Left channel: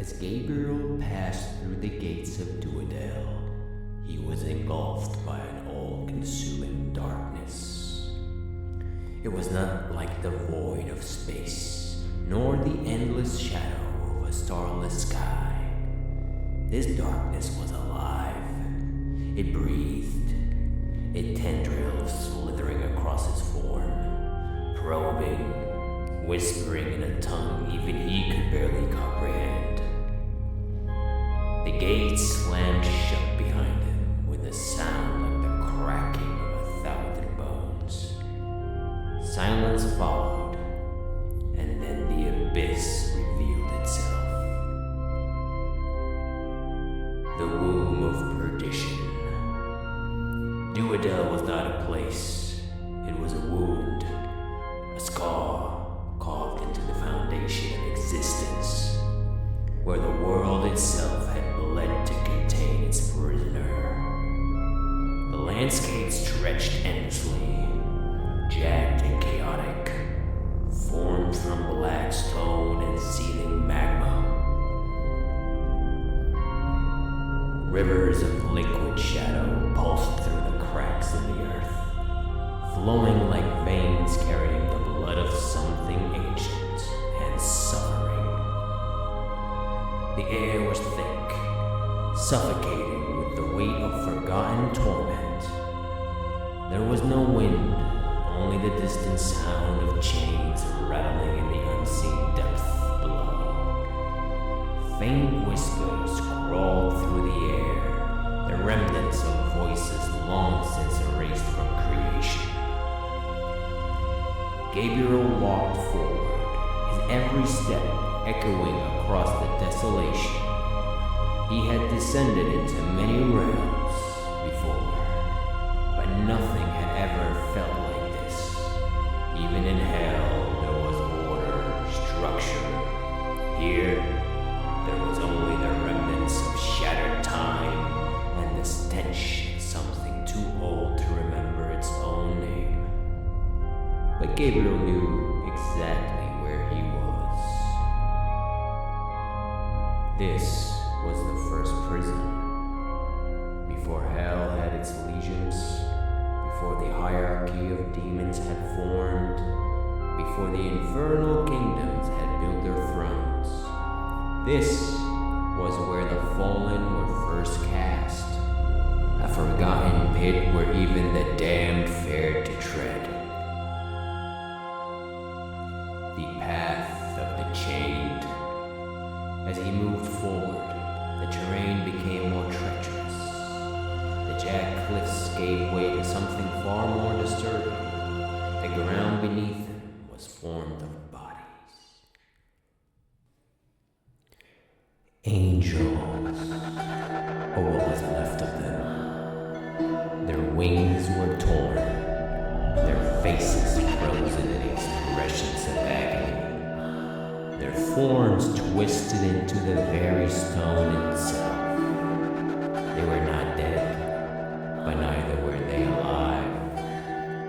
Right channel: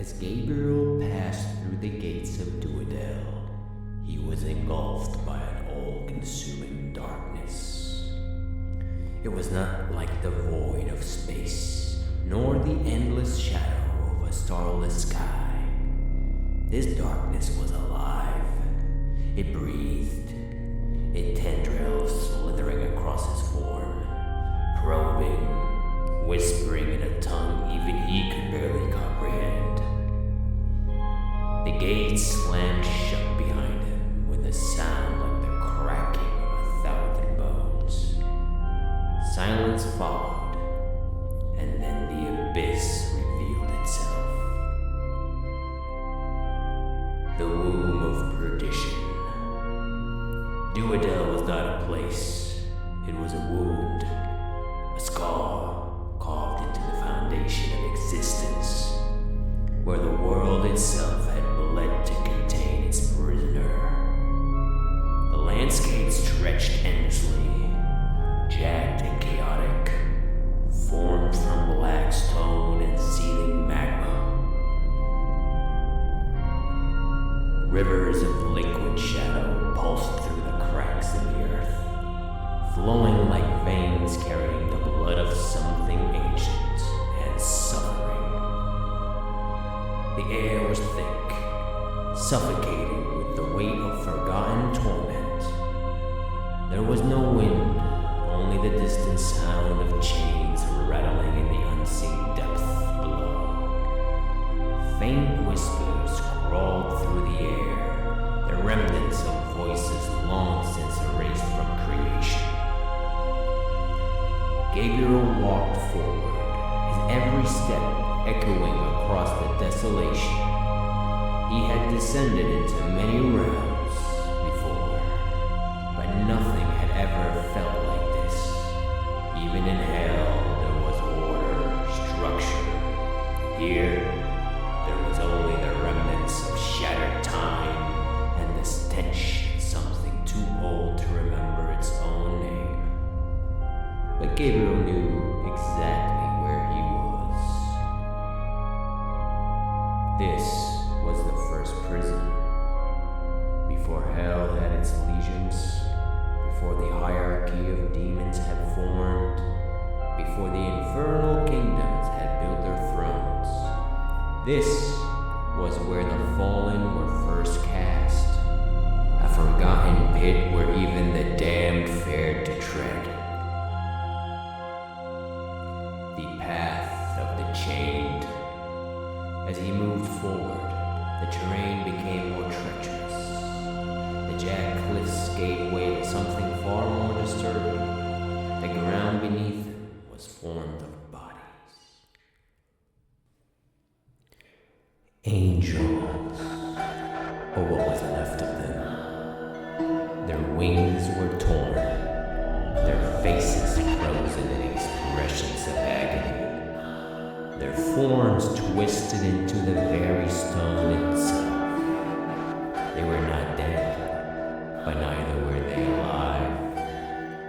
As Gabriel passed through the gates of Dudael, he was engulfed by an all-consuming darkness. It was not like the void of space, nor the endless shadow of a starless sky. This darkness was alive. It breathed, its tendrils slithering across his form, probing, whispering in a tongue even he could barely comprehend. The gates slammed shut behind him with a sound like the cracking of 1,000 bones. Silence followed, and then the abyss revealed itself. The womb of perdition. Dudael was not a place. It was a wound, a scar carved into the foundation of existence, where the world itself had bled to contain its prisoner. The landscape stretched endlessly, jagged and chaotic, formed from black stone and seething magma. Rivers of liquid shadow pulsed through the cracks in the earth, flowing like veins carrying the blood of something ancient and suffering. The air was thick, suffocating with the weight of forgotten torment. There was no wind, only the distant sound of chains rattling in the unseen depth below. Faint whispers crawled through the air, the remnants of voices long since erased from creation. Gabriel walked forward, his every step echoing across the desolation. He had descended into many realms before, but nothing had ever felt like this. Even in hell, there was order, structure. Here, there was only the remnants of shattered time and the stench of something too old to remember its own name. But Gabriel knew exactly where he was. This was the first prison. Before hell had its legions, before the hierarchy of demons had formed, before the infernal kingdoms had built their thrones. This was where the fallen were first cast, a forgotten pit where even the damned fared to tread. The path of the chained. As he moved forward, the terrain became more treacherous. The jagged cliffs gave way to something far more disturbing. The ground beneath him was formed of bodies. Angels, or what was left of them. Their wings were torn, their faces frozen in expressions of agony, their forms twisted into the very stone itself. They were not dead, but neither were they alive.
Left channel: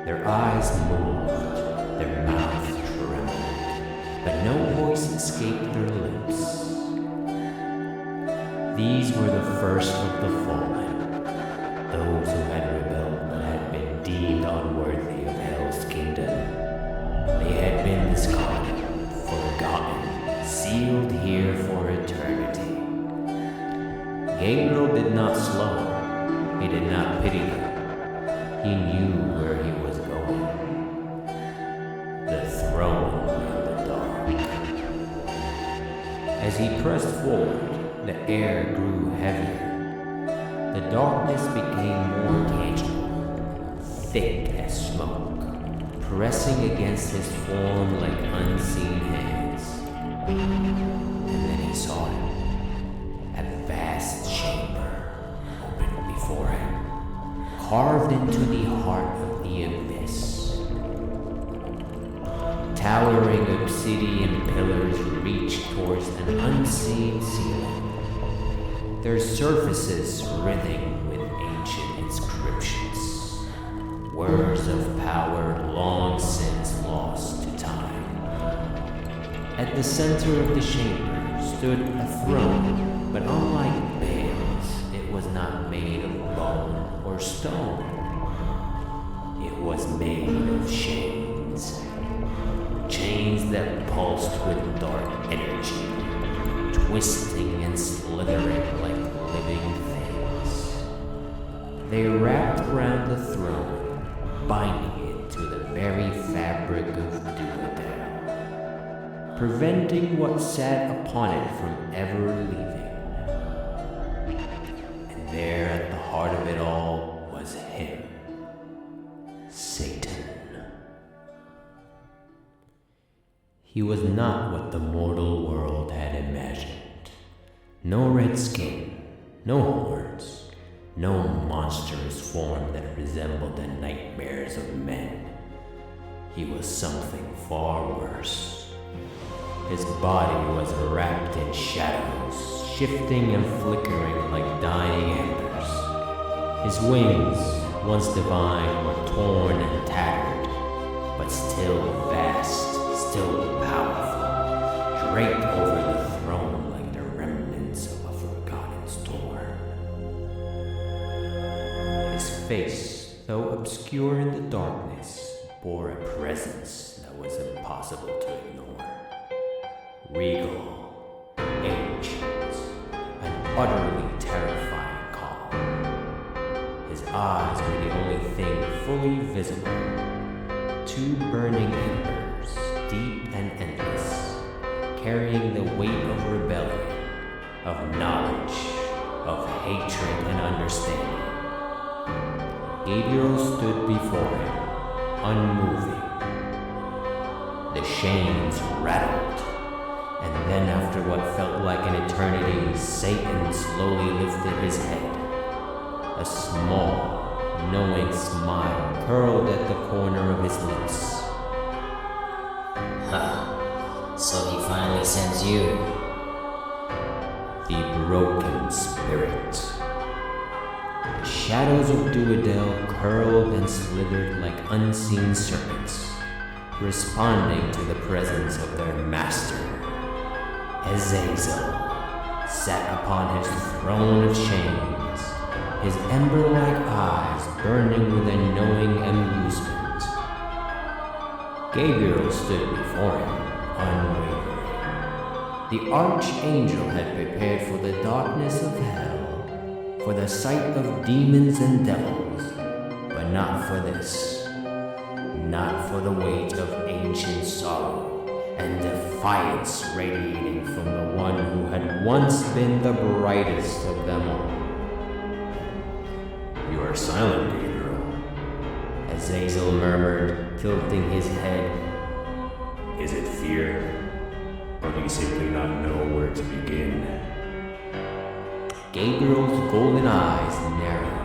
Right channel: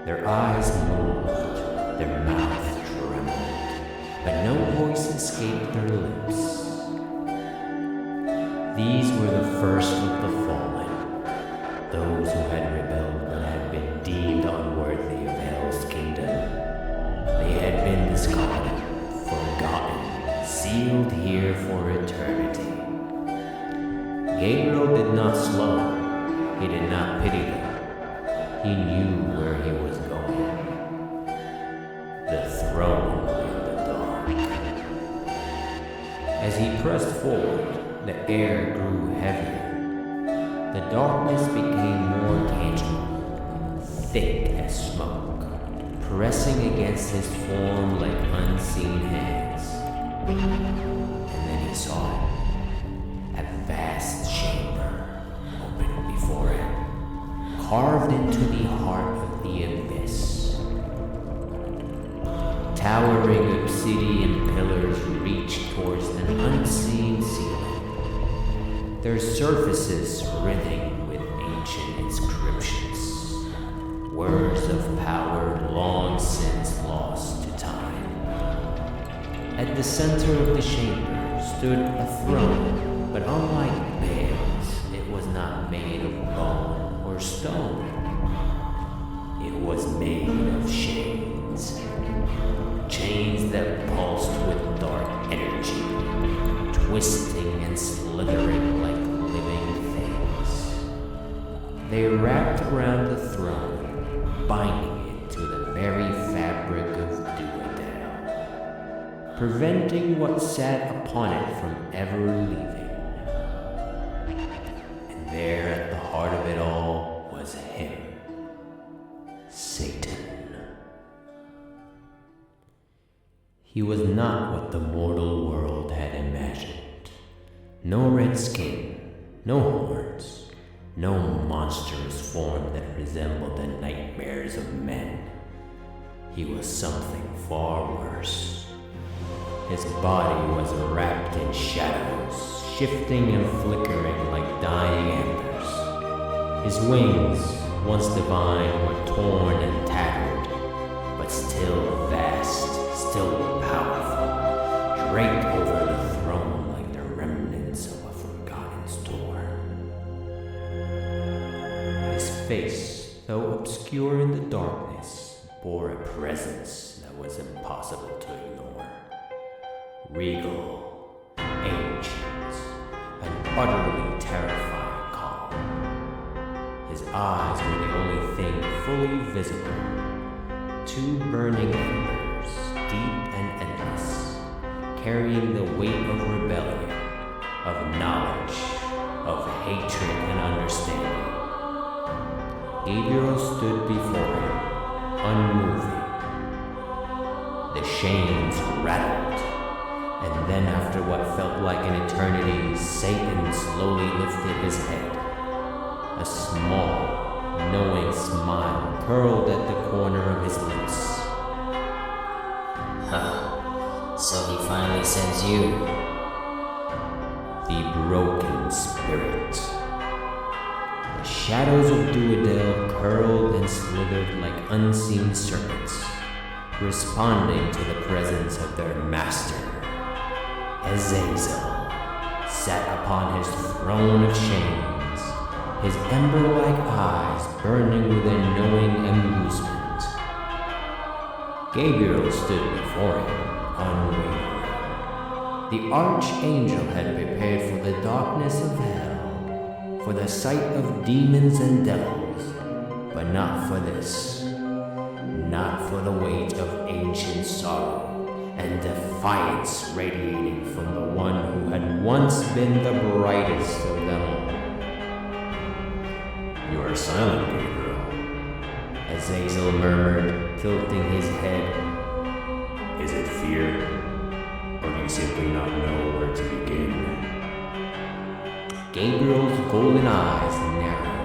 Their eyes moved, their mouths trembled, but no voice escaped their lips. These were the first of the fallen, those who had rebelled but had been deemed unworthy of hell's kingdom. They had been discarded, forgotten, sealed here for eternity. Gabriel did not slow. He did not pity them. He knew where he was going. The throne in the dark. As he pressed forward, the air grew heavier. The darkness became more tangible, thick as smoke, pressing against his form like unseen hands. And then he saw it. A vast chamber opened before him, carved into the heart of the abyss. Towering obsidian pillars reached towards an unseen ceiling, their surfaces writhing with ancient inscriptions, words of power long since lost to time. At the center of the chambers, stood a throne, but unlike Baal's, it was not made of bone or stone. It was made of chains. Chains that pulsed with dark energy, twisting and slithering like living things. They wrapped around the throne, binding it to the very fabric of Dudael, preventing what sat upon it from ever leaving. And there at the heart of it all was him, Satan. He was not what the mortal world had imagined. No red skin, no horns, no monstrous form that resembled the nightmares of men. He was something far worse. His body was wrapped in shadows, shifting and flickering like dying embers. His wings, once divine, were torn and tattered, but still vast, still powerful, draped over the throne like the remnants of a forgotten storm. His face, though obscure in the darkness, bore a presence that was impossible to ignore. Regal, ancient, and utterly terrifying calm. His eyes were the only thing fully visible. Two burning embers, deep and endless, carrying the weight of rebellion, of knowledge, of hatred and understanding. Gabriel stood before him, unmoving. The chains rattled, and then after what felt like an eternity, Satan slowly lifted his head. A small, knowing smile curled at the corner of his lips. So he finally sends you. The broken spirit. The shadows of Dudael curled and slithered like unseen serpents, responding to the presence of their master. Azazel sat upon his throne of chains, his ember-like eyes burning with a knowing amusement. Gabriel stood before him, unwavering. The archangel had prepared for the darkness of hell, for the sight of demons and devils, but not for this. Not for the weight of ancient sorrow and defiance radiating from the one who had once been the brightest of them all. You are silent, Gabriel, Azazel murmured, tilting his head. Is it fear, or do you simply not know where to begin? Gabriel's golden eyes narrowed.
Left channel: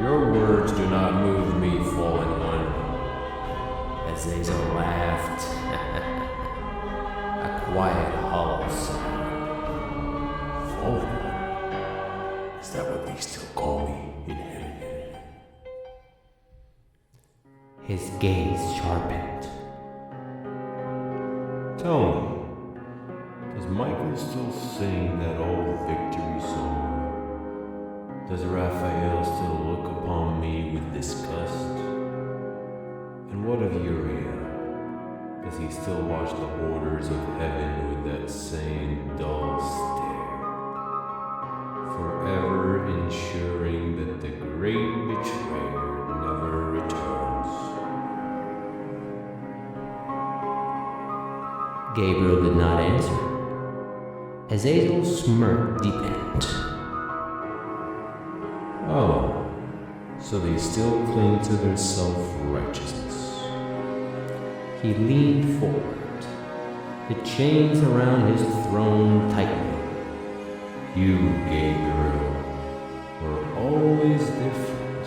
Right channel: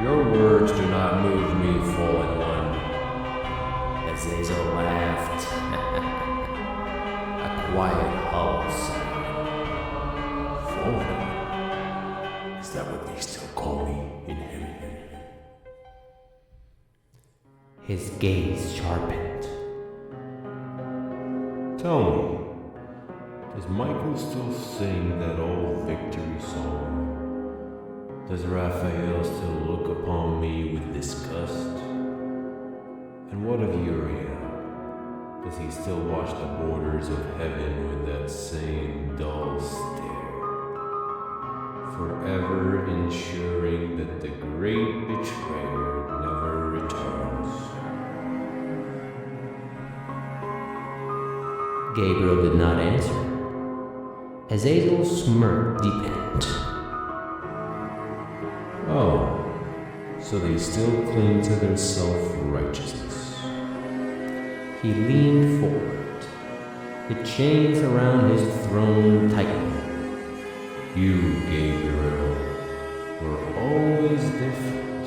Your words do not move me, fallen one. Azazel laughed. A quiet, hollow sound. Fallen one? Is that what they still call me in heaven? His gaze sharpened. Tell me, does Michael still sing that old victory song? Does Raphael still look upon me with disgust? And what of Uriel? Does he still watch the borders of heaven with that same dull stare? Forever ensuring that the great betrayer never returns. Gabriel did not answer. Azazel's smirk deepened. Oh, so they still cling to their self-righteousness. He leaned forward, the chains around his throne tightening. You, Gabriel, were always different.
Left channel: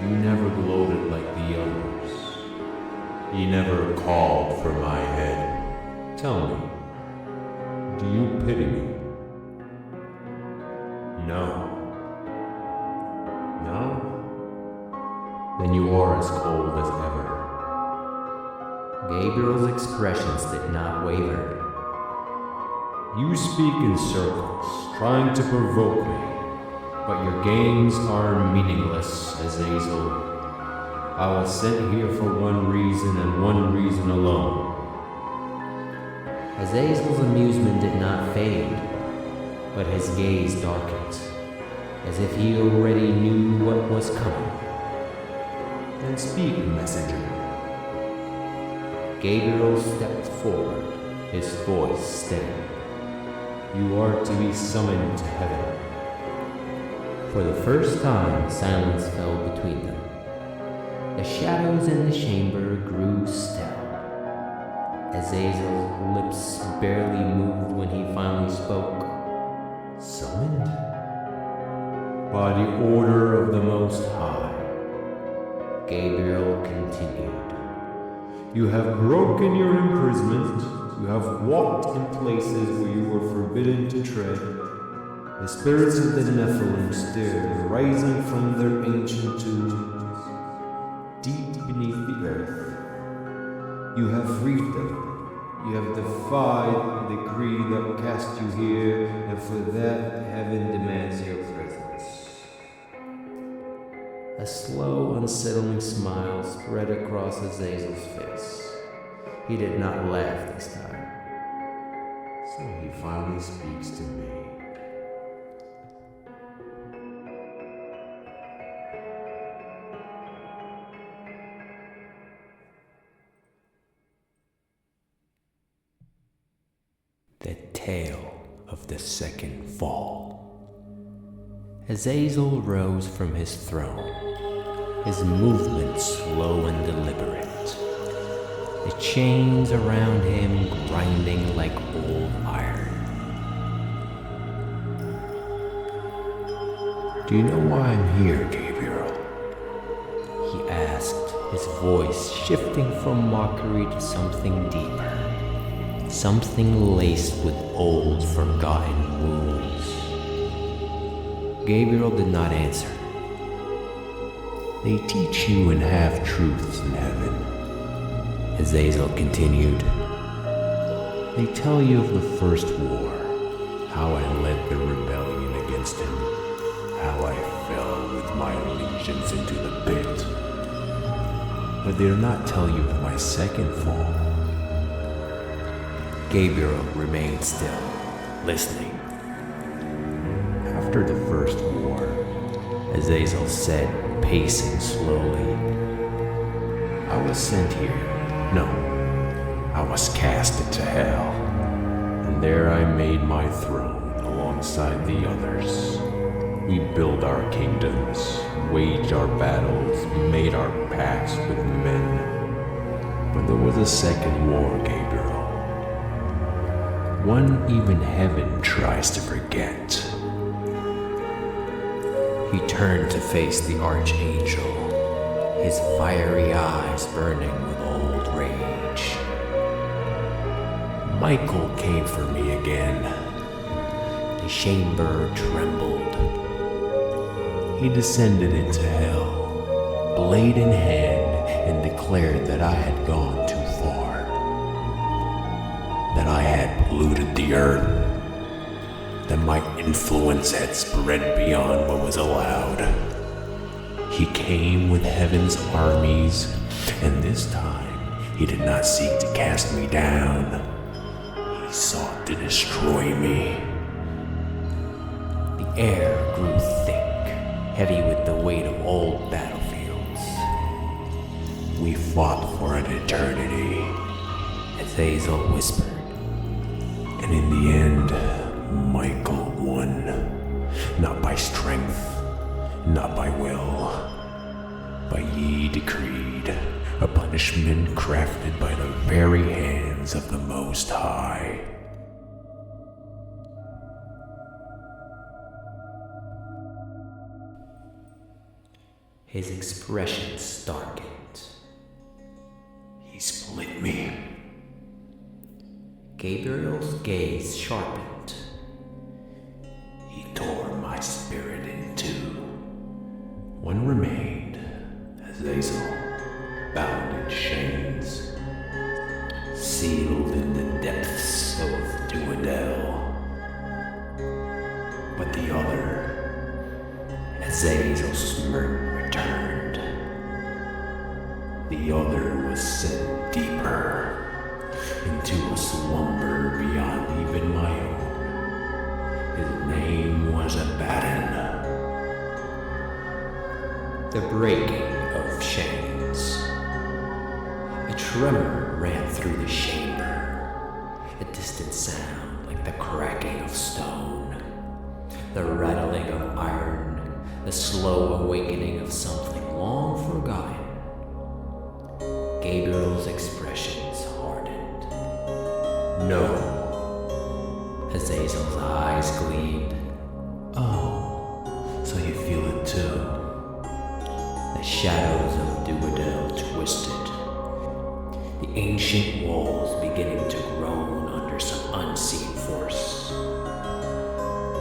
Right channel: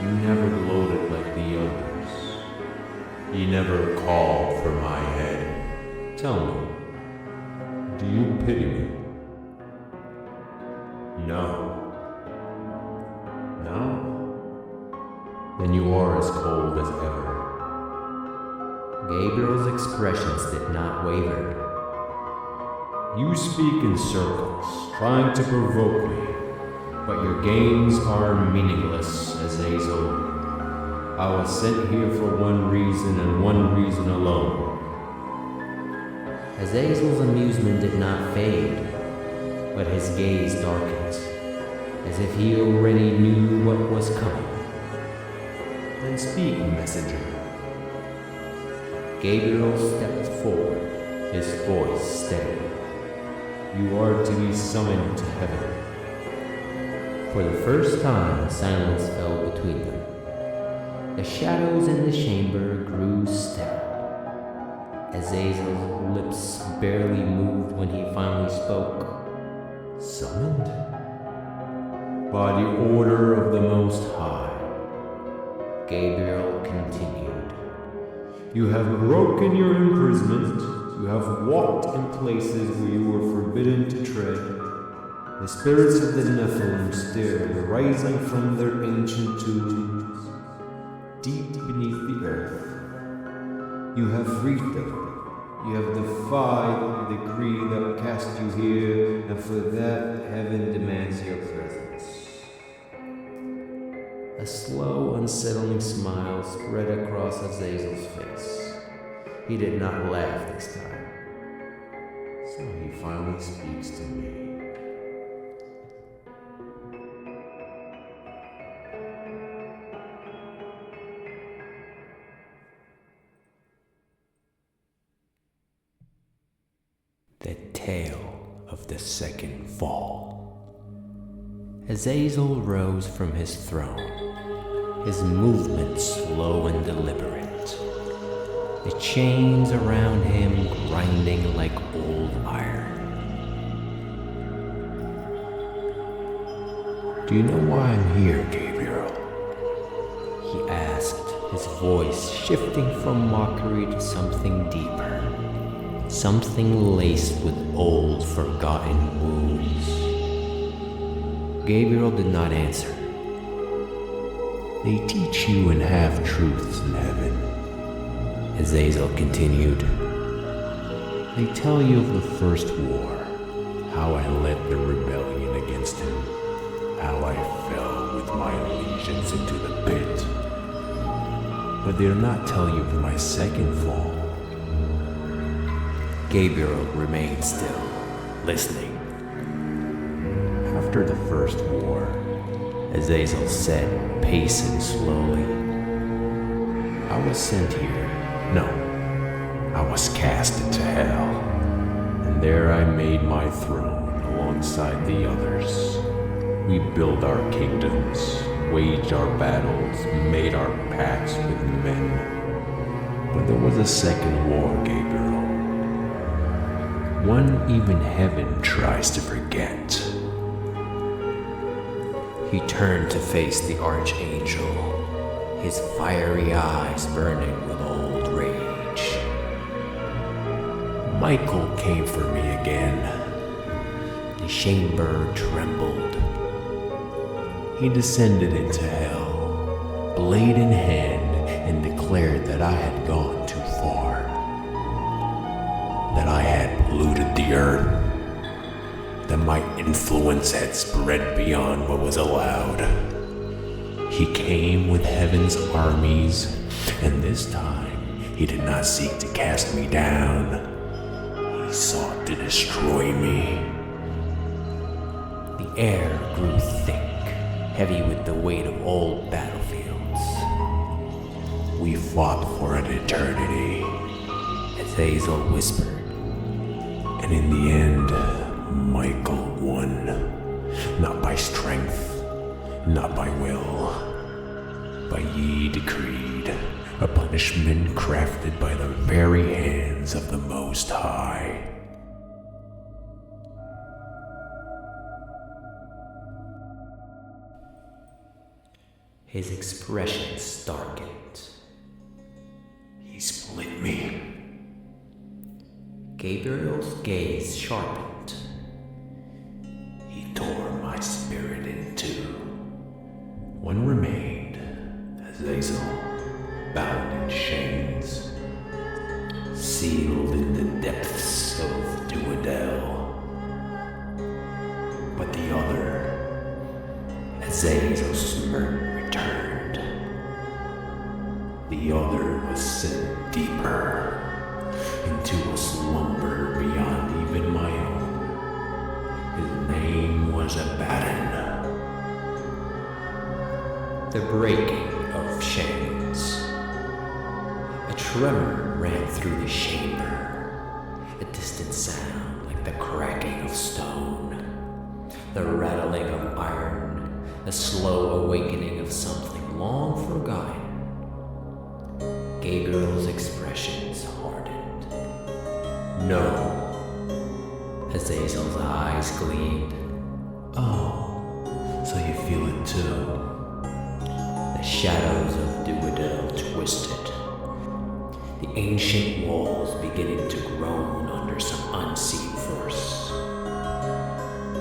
You never gloated like the others. You never called for my head. Tell me, do you pity me? No. No? Then you are as cold as ever. Gabriel's expressions did not waver. You speak in circles, trying to provoke me, but your games are meaningless, Azazel. I was sent here for one reason and one reason alone. Azazel's amusement did not fade, but his gaze darkened, as if he already knew what was coming. Then speak, messenger. Gabriel stepped forward, his voice steady. You are to be summoned to heaven. For the first time, silence fell between them. The shadows in the chamber grew still. Azazel's lips barely moved when he finally spoke. Summoned? By the order of the Most High. Gabriel continued. You have broken your imprisonment. You have walked in places where you were forbidden to tread. The spirits of the Nephilim stirred, rising from their ancient tombs, deep beneath the earth. You have freed them. You have defied the decree that cast you here, and for that, heaven demands your presence. A slow, unsettling smile spread across Azazel's face. He did not laugh this time. So he finally speaks to me. The tale of the second fall. Azazel rose from his throne, his movements slow and deliberate, the chains around him grinding like old iron. Do you know why I'm here, Gabriel? He asked, his voice shifting from mockery to something deeper. Something laced with old, forgotten wounds. Gabriel did not answer. They teach you and half-truths in heaven. Azazel continued. They tell you of the first war, how I led the rebellion against him, how I fell with my allegiance into the pit. But they do not tell you of my second fall. Gabriel remained still, listening. After the first war, Azazel said, pacing slowly, I was sent here. No, I was cast into hell. And there I made my throne alongside the others. We built our kingdoms, waged our battles, made our pacts with men. But there was a second war, Gabriel. One even heaven tries to forget. He turned to face the archangel, his fiery eyes burning with old rage. Michael came for me again. The chamber trembled. He descended into hell, blade in hand, and declared that I had gone too far. That I had polluted the earth, that my influence had spread beyond what was allowed. He came with heaven's armies, and this time he did not seek to cast me down. He sought to destroy me. The air grew thick, heavy with the weight of old battlefields. We fought for an eternity, Azazel whispered. And in the end, Michael won. Not by strength, not by will, but ye decreed a punishment crafted by the very hands of the Most High. His expression darkened. He split me. Gabriel's gaze sharpened. He tore my spirit in two. One remained, Azazel, bound in chains, in the depths of Dudael. But the other, Azazel's smirk returned. The other was sent deeper into a slumber beyond even my own. His name was Abaddon. The breaking of chains. A tremor ran through the chamber, a distant sound like the cracking of stone, the rattling of iron, the slow awakening of something long forgotten. Gabriel's expressions hardened. No. Azazel's eyes gleamed. Oh, so you feel it too. The shadows of Dudael twisted. The ancient walls beginning to groan under some unseen force.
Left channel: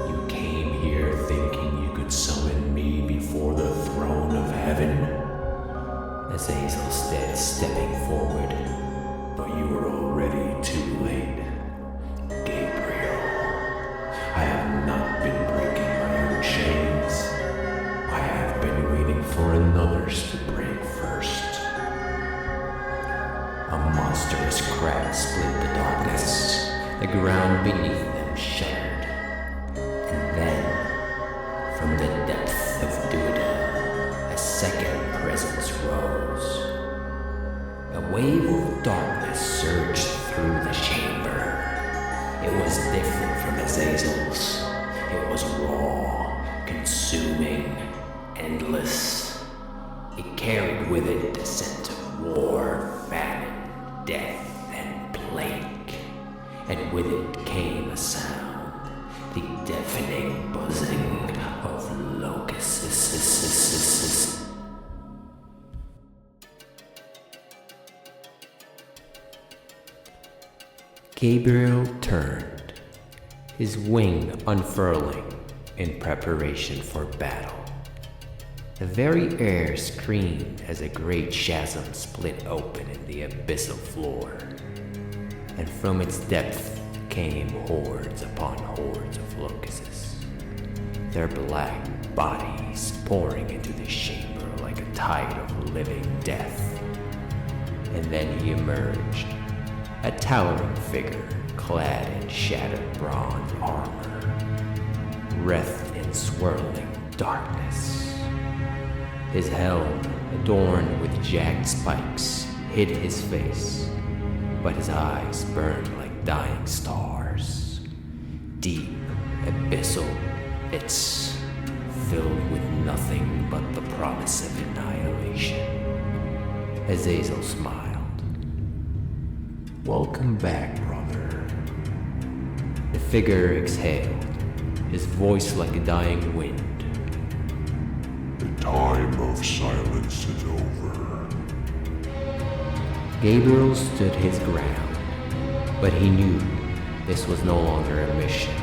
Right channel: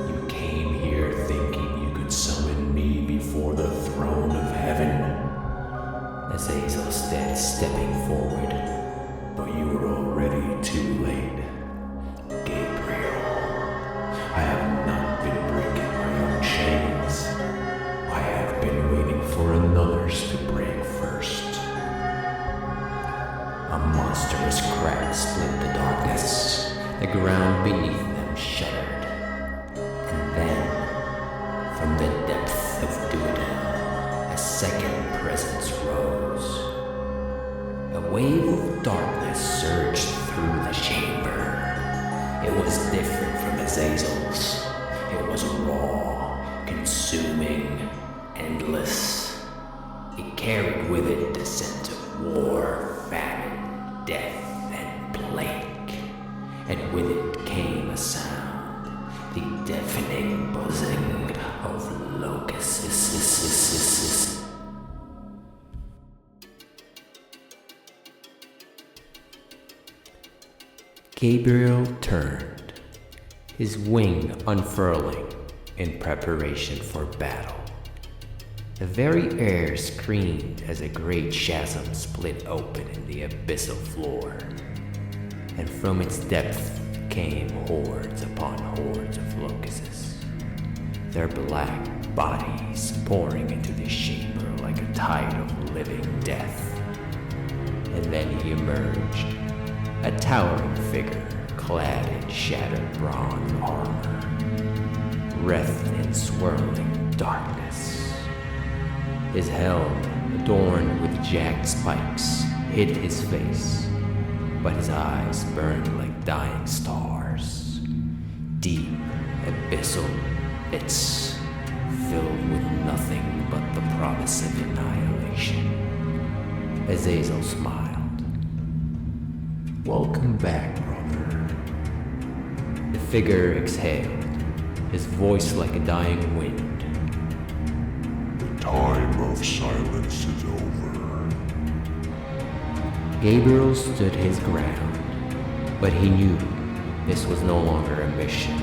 You came here thinking you could summon me before the throne of heaven. Azazel said, stepping forward, but you were already too late. Gabriel, I have not been breaking my own chains. I have been waiting for another's to break first. A monstrous crack split the darkness. The ground beneath them shuddered. And then, from the depth of Dudael, a second presence rose. A wave of darkness surged through the chamber. It was different from Azazel's. It was raw, consuming, endless. It carried with it the scent of war, famine, death, and plague. And with it came a sound, the deafening buzzing of locusts. Gabriel turned, his wing unfurling in preparation for battle. The very air screamed as a great chasm split open in the abyssal floor, and from its depth came hordes upon hordes of locusts, their black bodies pouring into the chamber like a tide of living death. And then he emerged, a towering figure clad in shattered bronze armor, wreathed in swirling darkness. His helm, adorned with jagged spikes, hid his face, but his eyes burned like dying stars. Deep, abyssal pits, filled with nothing but the promise of annihilation. Azazel smiled. Welcome back, brother. The figure exhaled, his voice like a dying wind. The time of silence is over. Gabriel stood his ground, but he knew this was no longer a mission.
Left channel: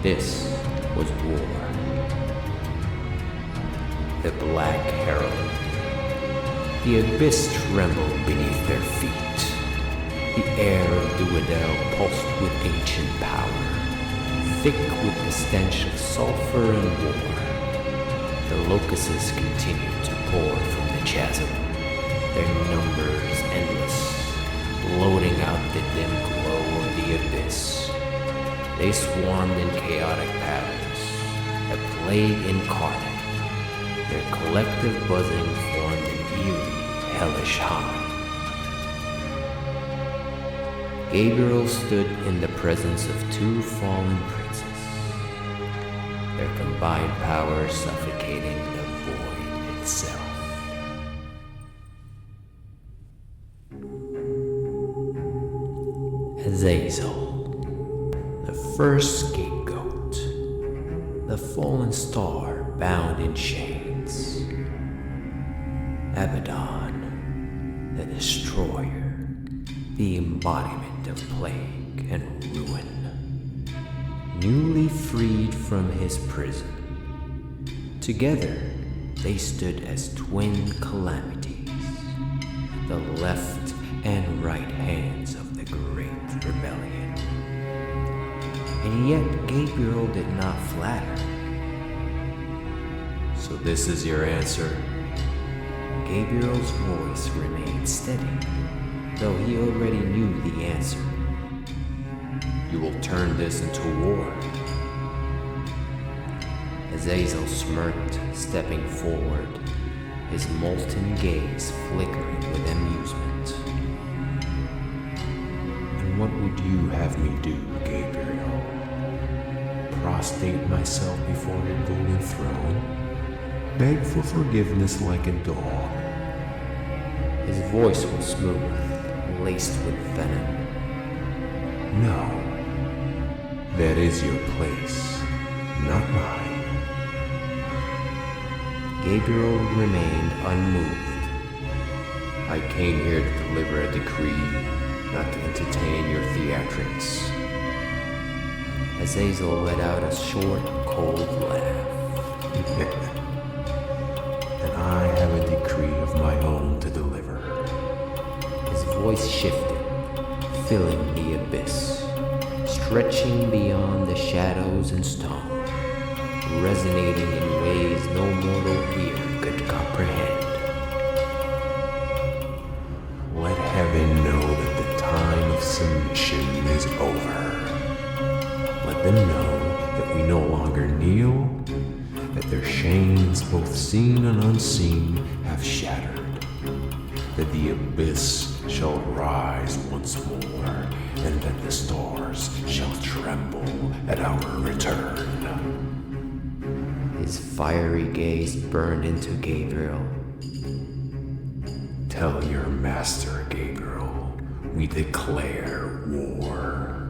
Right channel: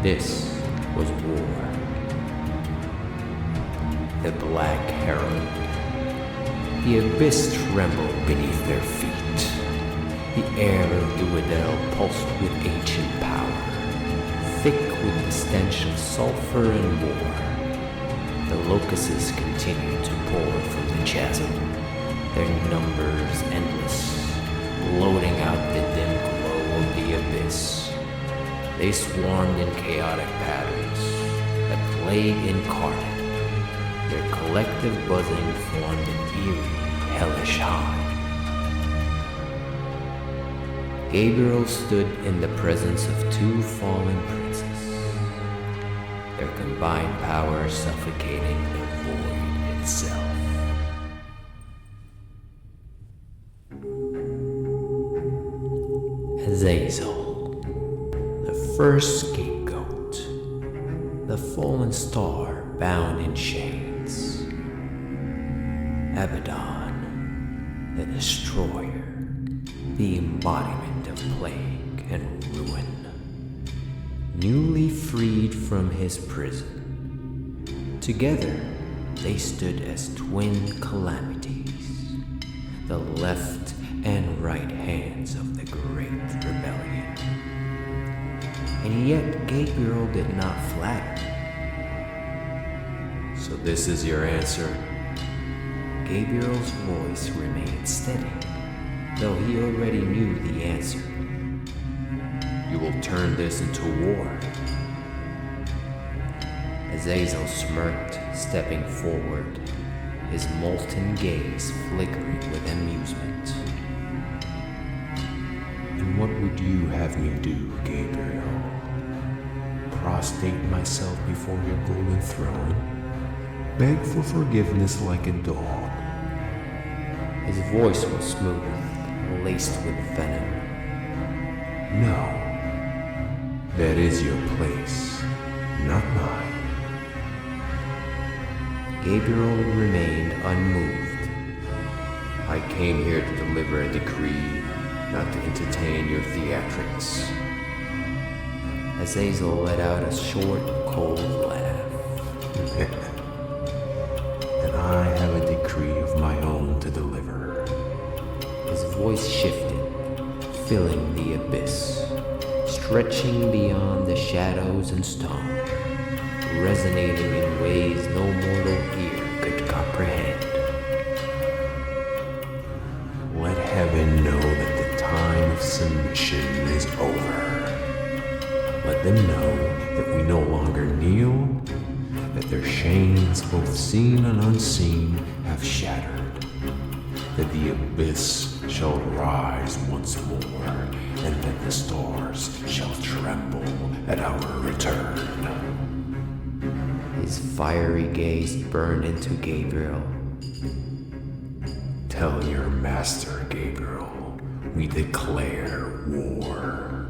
This was war. The Black Herald. The abyss trembled beneath their feet. The air of Dudael pulsed with ancient power, thick with the stench of sulfur and war. The locusts continued to pour from the chasm, their numbers endless, bloating out the dim glow of the abyss. They swarmed in chaotic patterns, a plague incarnate. Their collective buzzing formed an eerie, hellish hum. Gabriel stood in the presence of two fallen princes, their combined power suffocating the void itself. Azazel, the first scapegoat, the fallen star bound in chains. Abaddon, the destroyer, the embodiment of plague and ruin, newly freed from his prison. Together, they stood as twin calamities, the left and right hands of the Great Rebellion. And yet Gabriel did not flatter. So this is your answer? Gabriel's voice remained steady, though he already knew the answer. You will turn this into war? Azazel smirked, stepping forward, his molten gaze flickering with amusement. And what would you have me do, Gabriel? Prostrate myself before your golden throne? Beg for forgiveness like a dog? His voice was smooth, laced with venom. No. That is your place, not mine. Gabriel remained unmoved. I came here to deliver a decree, not to entertain your theatrics. Azazel let out a short, cold laugh. And I have a decree of my own to deliver. His voice shifted, filling the abyss, stretching beyond the shadows and stone, resonating in ways no mortal ear could comprehend. Let heaven know that the time of submission is over. Let them know that we no longer kneel, that their chains, both seen and unseen, have shattered, that the abyss shall rise once more, and that the stars shall tremble at our return. His fiery gaze burned into Gabriel. Tell your master, Gabriel, we declare war.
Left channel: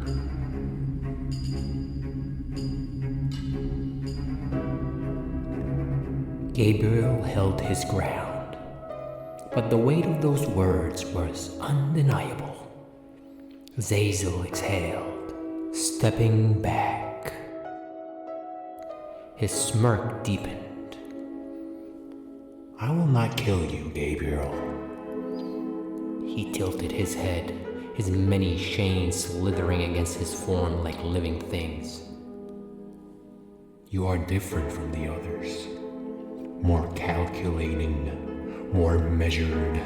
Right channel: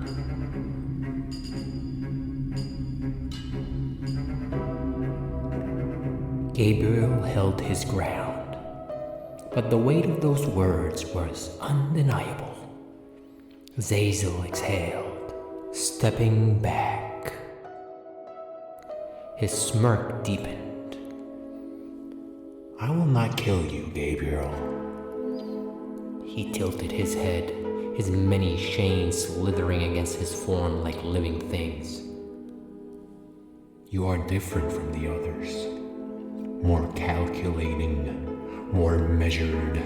Gabriel held his ground, but the weight of those words was undeniable. Azazel exhaled, stepping back. His smirk deepened. I will not kill you, Gabriel. He tilted his head, his many chains slithering against his form like living things. You are different from the others. More calculating, more measured,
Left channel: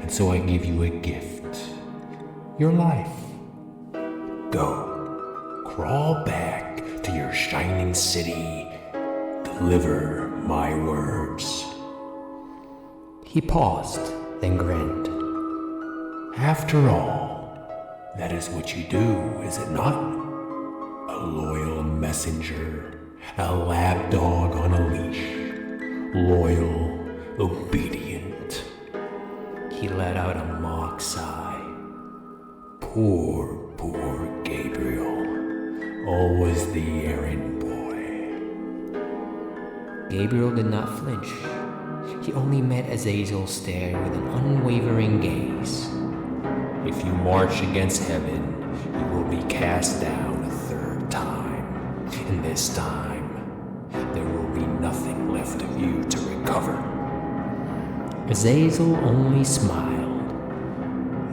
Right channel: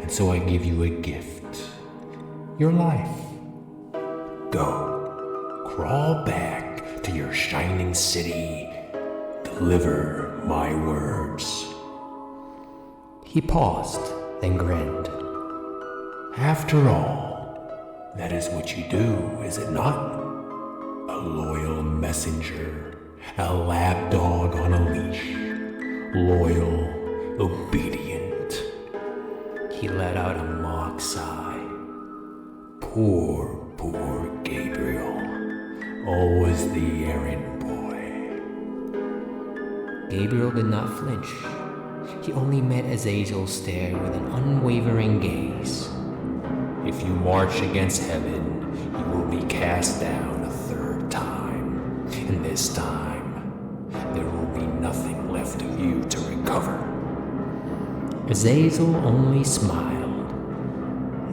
and so I give you a gift. Your life. Go. Crawl back to your shining city. Deliver my words. He paused, then grinned. After all, that is what you do, is it not? A loyal messenger, a lapdog on a leash. Loyal, obedient. He let out a mock sigh. Poor Gabriel. Always the errand boy. Gabriel did not flinch. He only met Azazel's stare with an unwavering gaze. If you march against heaven, you will be cast down a third time. And this time, there will be nothing left of you to recover. Azazel only smiled.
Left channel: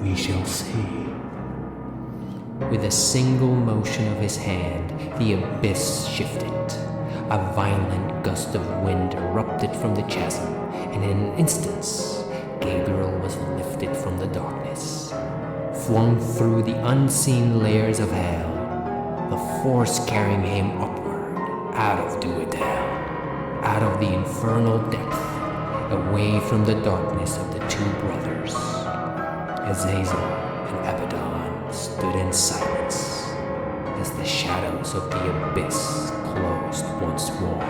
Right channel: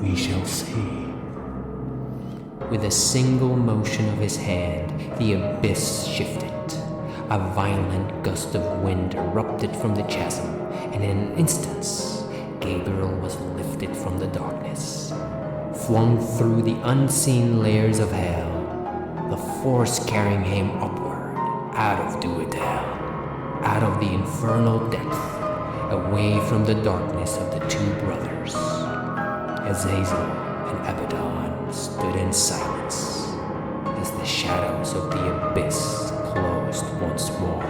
We shall see. With a single motion of his hand, the abyss shifted. A violent gust of wind erupted from the chasm, and in an instant, Gabriel was lifted from the darkness, flung through the unseen layers of hell, the force carrying him upward, out of Dudael, out of the infernal depth, away from the darkness of the two brothers. Azazel and Abaddon stood in silence as the shadows of the abyss closed once more.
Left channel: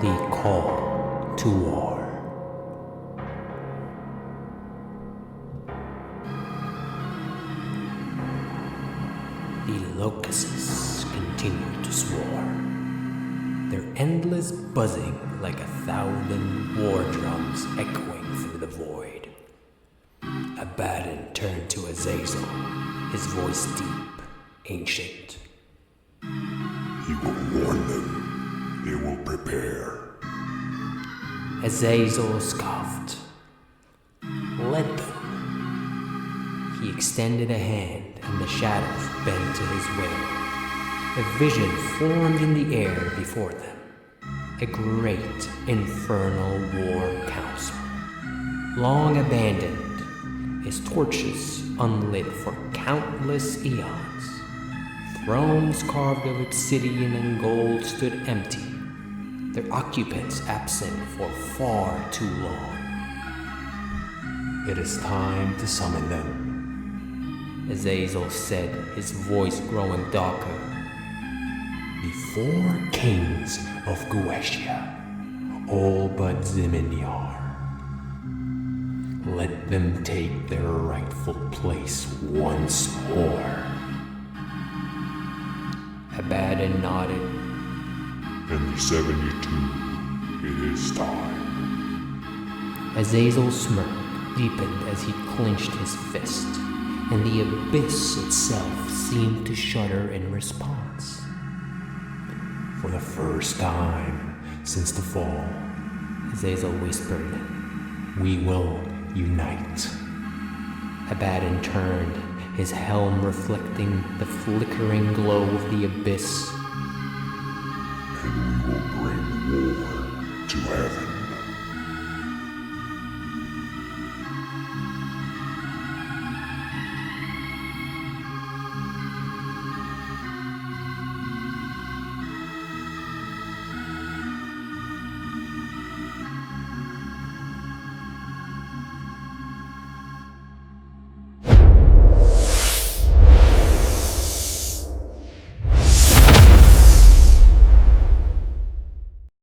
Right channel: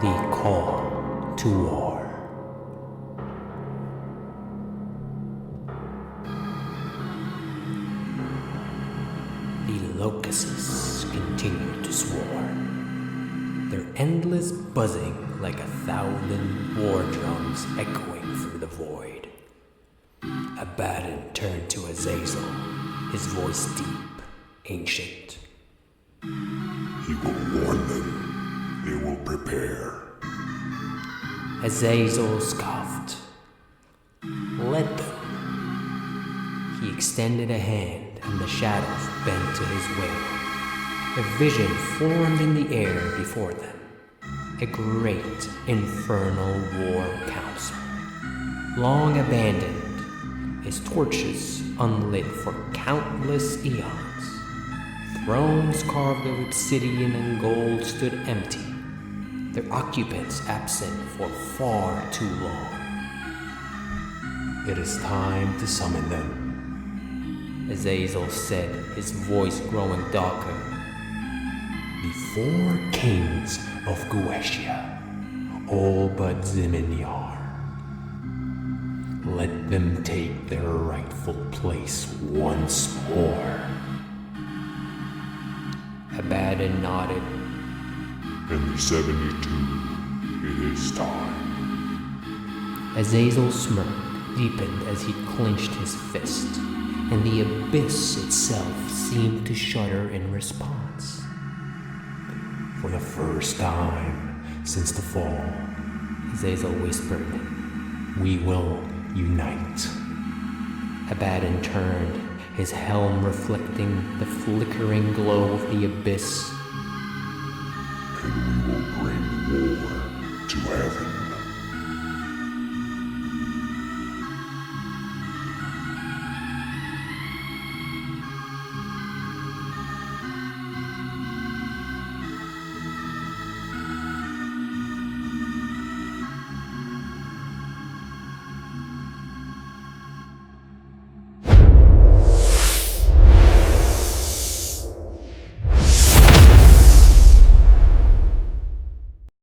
The call to war. The locusts continued to swarm, their endless buzzing like 1,000 war drums echoing through the void. Abaddon turned to Azazel, his voice deep, ancient. He will warn them. They will prepare. Azazel scoffed. Let them. He extended a hand, and the shadows bent to his will. A vision formed in the air before them. A great infernal war council, long abandoned, its torches unlit for countless eons. Thrones carved of obsidian and gold stood empty, their occupants absent for far too long. It is time to summon them, Azazel said, his voice growing darker. the 4 kings of Goetia, all but Ziminyar. Let them take their rightful place once more. Abaddon nodded. And the 72, it is time. Azazel's smirk deepened as he clenched his fist, and the abyss itself seemed to shudder in response. For the first time since the fall, Azazel whispered. we will unite. Abaddon turned, his helm reflecting the flickering glow of the abyss. And we will bring war to heaven.